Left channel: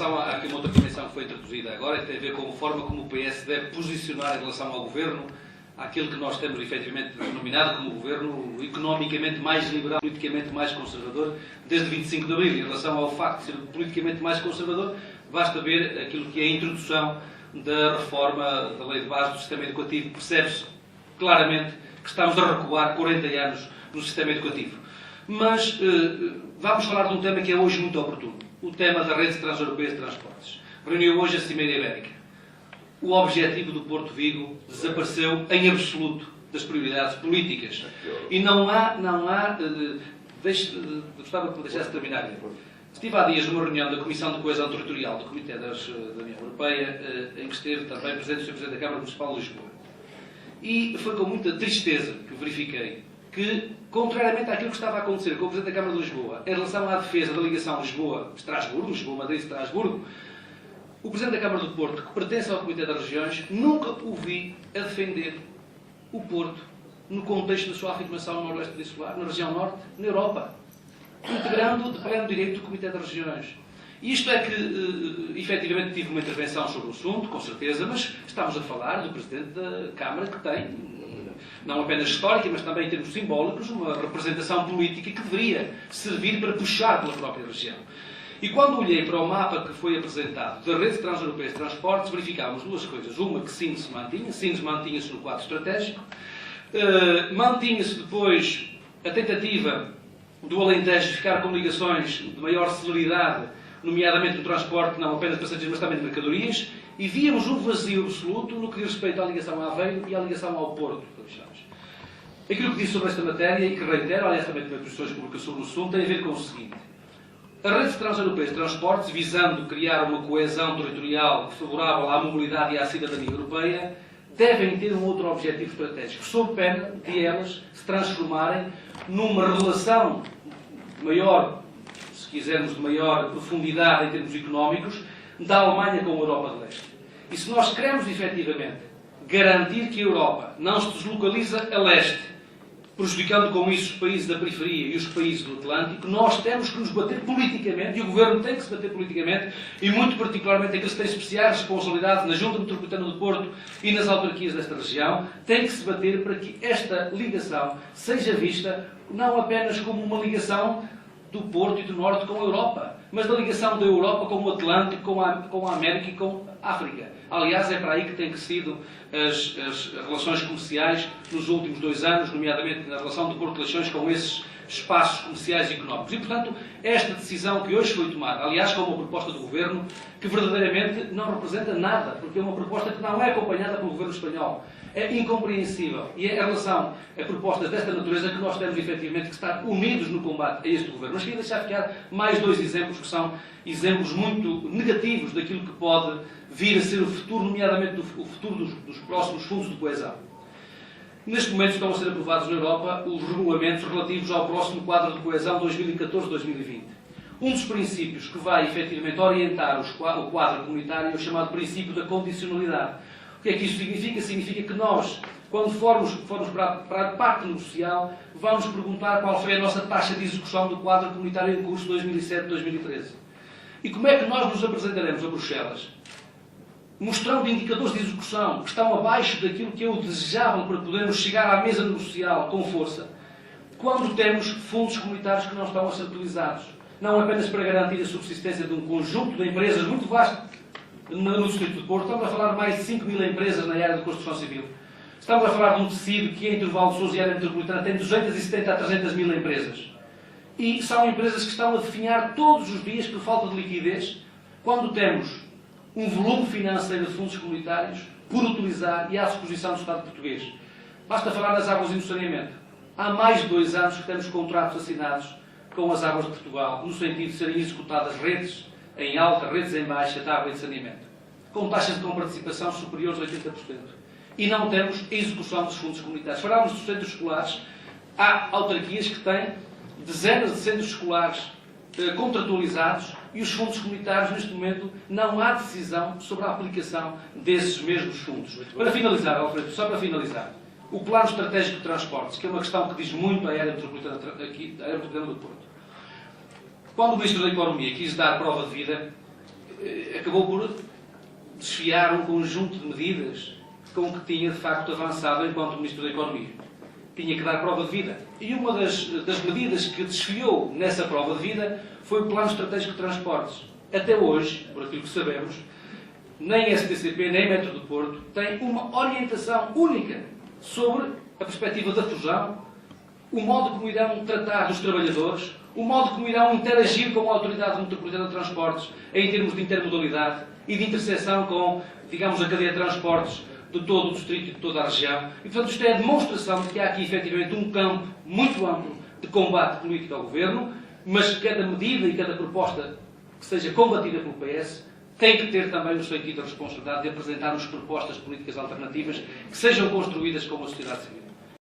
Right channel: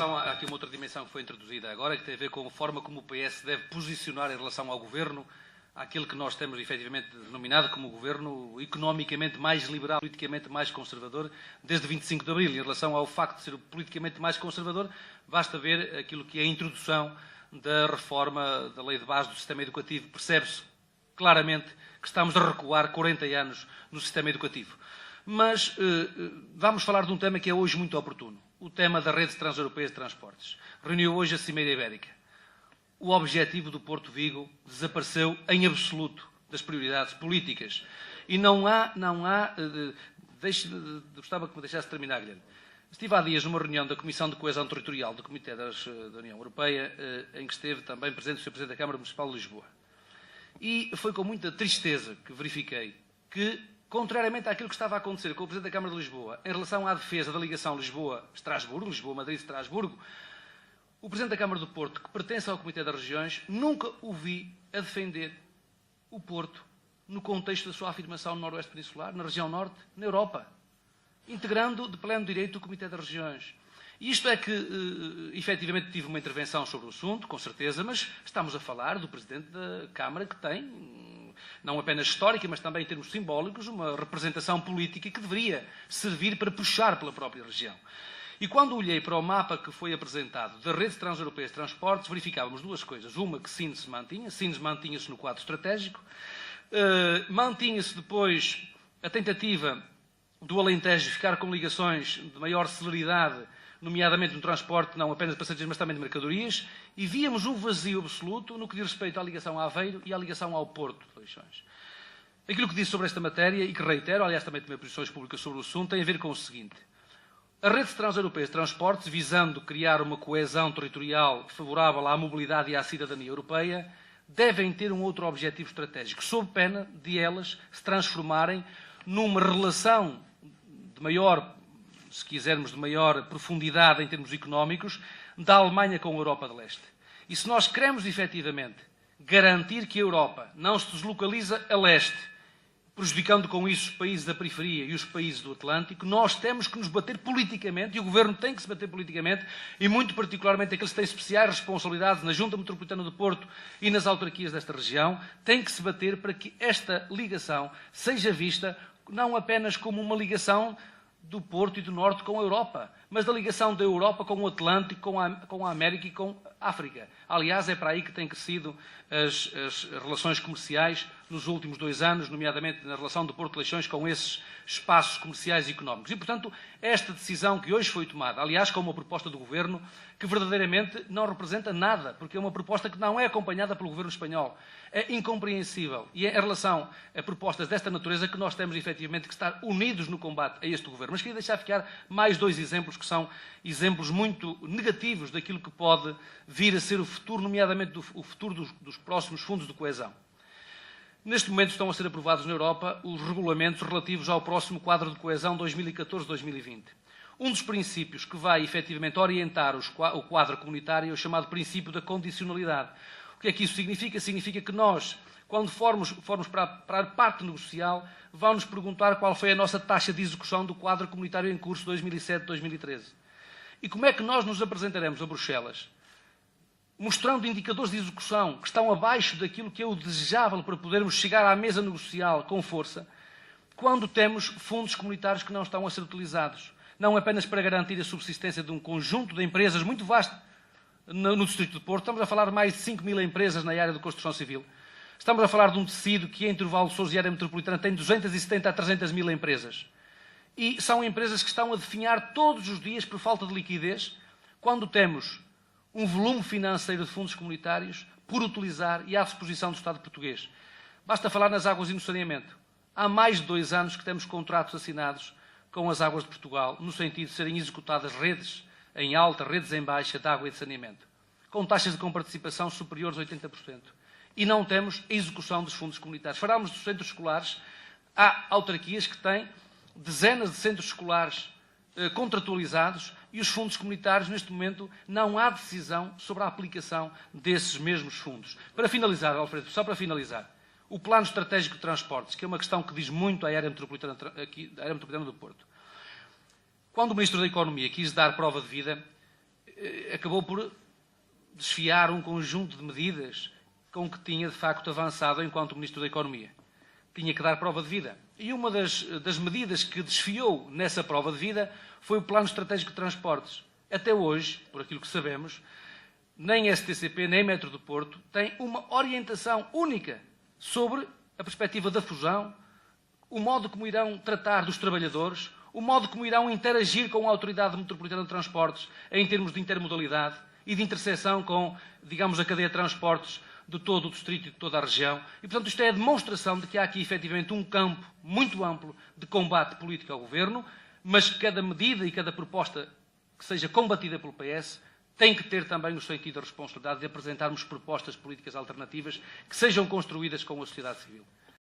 Há aqui uma outra dimensão que foi introduzida agora, que tem a ver com a forma como o PS deve posicionar em relação ao Governo, àquilo que nós temos efetivamente denominado como Governo economicamente mais liberal, politicamente mais conservador, desde 25 de Abril. Em relação ao facto de ser politicamente mais conservador, basta ver aquilo que é a introdução da reforma da Lei de Base do Sistema Educativo. Percebe-se claramente que estamos a recuar 40 anos no sistema educativo. Mas vamos falar de um tema que é hoje muito oportuno. O tema da Rede Transeuropeia de Transportes. Reuniu hoje a Cimeira Ibérica. O objetivo do Porto Vigo desapareceu em absoluto das prioridades políticas. E gostava que me deixasse terminar. Estive há dias numa reunião da Comissão de Coesão Territorial do Comitê da União Europeia, em que esteve também presente o Sr. Presidente da Câmara Municipal de Lisboa. E foi com muita tristeza que verifiquei que, contrariamente àquilo que estava a acontecer com o Presidente da Câmara de Lisboa, em relação à defesa da ligação Lisboa-Estrasburgo, Lisboa-Madrid-Estrasburgo, o Presidente da Câmara do Porto, que pertence ao Comitê das Regiões, nunca o vi a defender o Porto no contexto da sua afirmação no Noroeste Peninsular, na região Norte, na Europa, integrando de pleno direito o Comitê das Regiões. Isto é que, efetivamente, tive uma intervenção sobre o assunto, com certeza, mas estamos a falar do Presidente da Câmara que tem, não apenas histórica, mas também em termos simbólicos, uma representação política que deveria servir para puxar pela própria região. E quando olhei para o mapa que foi apresentado da Rede Transeuropeia de Transportes, verificávamos duas coisas. Uma, que Sines mantinha-se no quadro estratégico, mantinha-se depois a tentativa do Alentejo ficar com ligações de maior celeridade, nomeadamente no transporte, não apenas de passageiros, mas também de mercadorias, e víamos um vazio absoluto no que diz respeito à ligação a Aveiro e à ligação ao Porto. Aquilo que disse sobre esta matéria, e que reitero, aliás também tive posições públicas sobre o assunto, tem a ver com o seguinte. A Rede Transeuropeia de Transportes, visando criar uma coesão territorial favorável à mobilidade e à cidadania europeia, devem ter um outro objetivo estratégico, sob pena de elas se transformarem numa relação de maior, se quisermos, de maior profundidade em termos económicos, da Alemanha com a Europa de Leste. E se nós queremos, efetivamente, garantir que a Europa não se deslocaliza a leste, prejudicando com isso os países da periferia e os países do Atlântico, nós temos que nos bater politicamente, e o Governo tem que se bater politicamente, e muito particularmente aqueles que têm especiais responsabilidades na Junta Metropolitana do Porto e nas autarquias desta região, tem que se bater para que esta ligação seja vista não apenas como uma ligação do Porto e do Norte com a Europa, mas da ligação da Europa com o Atlântico, com a América e com a África. Aliás, é para aí que têm crescido as relações comerciais nos últimos 2 anos, nomeadamente na relação do Porto de Leixões com esses espaços comerciais e económicos. E, portanto, esta decisão que hoje foi tomada, aliás, com uma proposta do Governo, que verdadeiramente não representa nada, porque é uma proposta que não é acompanhada pelo Governo espanhol. É incompreensível. E é em relação a propostas desta natureza que nós temos, efetivamente, que estar unidos no combate a este Governo. Mas queria deixar ficar mais 2 exemplos, que são exemplos muito negativos daquilo que pode vir a ser o futuro, nomeadamente o futuro dos próximos fundos de coesão. Neste momento estão a ser aprovados na Europa os regulamentos relativos ao próximo quadro de coesão 2014-2020. Um dos princípios que vai, efetivamente, orientar o quadro comunitário é o chamado princípio da condicionalidade. O que é que isso significa? Significa que nós, quando formos para a parte negocial, vamos perguntar qual foi a nossa taxa de execução do quadro comunitário em curso 2007-2013. E como é que nós nos apresentaremos a Bruxelas, mostrando indicadores de execução que estão abaixo daquilo que é o desejável para podermos chegar à mesa negocial com força, quando temos fundos comunitários que não estão a ser utilizados, não apenas para garantir a subsistência de um conjunto de empresas muito vasto no Distrito do Porto. Estamos a falar de mais de 5.000 empresas na área de construção civil. Estamos a falar de um tecido que, em intervalo de Sousa e área metropolitana, tem 270 a 300 mil empresas. E são empresas que estão a definhar todos os dias por falta de liquidez, quando temos um volume financeiro de fundos comunitários por utilizar e à disposição do Estado português. Basta falar nas águas e no saneamento. Há mais de 2 anos que temos contratos assinados com as águas de Portugal, no sentido de serem executadas redes em alta, redes em baixa de água e de saneamento, com taxas de comparticipação superiores a 80%. E não temos execução dos fundos comunitários. Falámos dos centros escolares. Há autarquias que têm dezenas de centros escolares contratualizados e os fundos comunitários, neste momento, não há decisão sobre a aplicação desses mesmos fundos. Para finalizar, Alfredo, só para finalizar, o Plano Estratégico de Transportes, que é uma questão que diz muito à área metropolitana do Porto. Quando o Ministro da Economia quis dar prova de vida, acabou por desfiar um conjunto de medidas com que tinha, de facto, avançado enquanto Ministro da Economia. Tinha que dar prova de vida. E uma das medidas que desfiou nessa prova de vida foi o Plano Estratégico de Transportes. Até hoje, por aquilo que sabemos, nem STCP, nem Metro do Porto têm uma orientação única sobre a perspectiva da fusão, o modo como irão tratar dos trabalhadores, o modo como irão interagir com a Autoridade Metropolitana de Transportes em termos de intermodalidade e de interseção com, digamos, a cadeia de transportes de todo o distrito e de toda a região. E, portanto, isto é a demonstração de que há aqui, efetivamente, um campo muito amplo de combate político ao Governo, mas que cada medida e cada proposta que seja combatida pelo PS tem que ter também o sentido da responsabilidade de apresentar-nos propostas políticas alternativas que sejam construídas com a sociedade civil.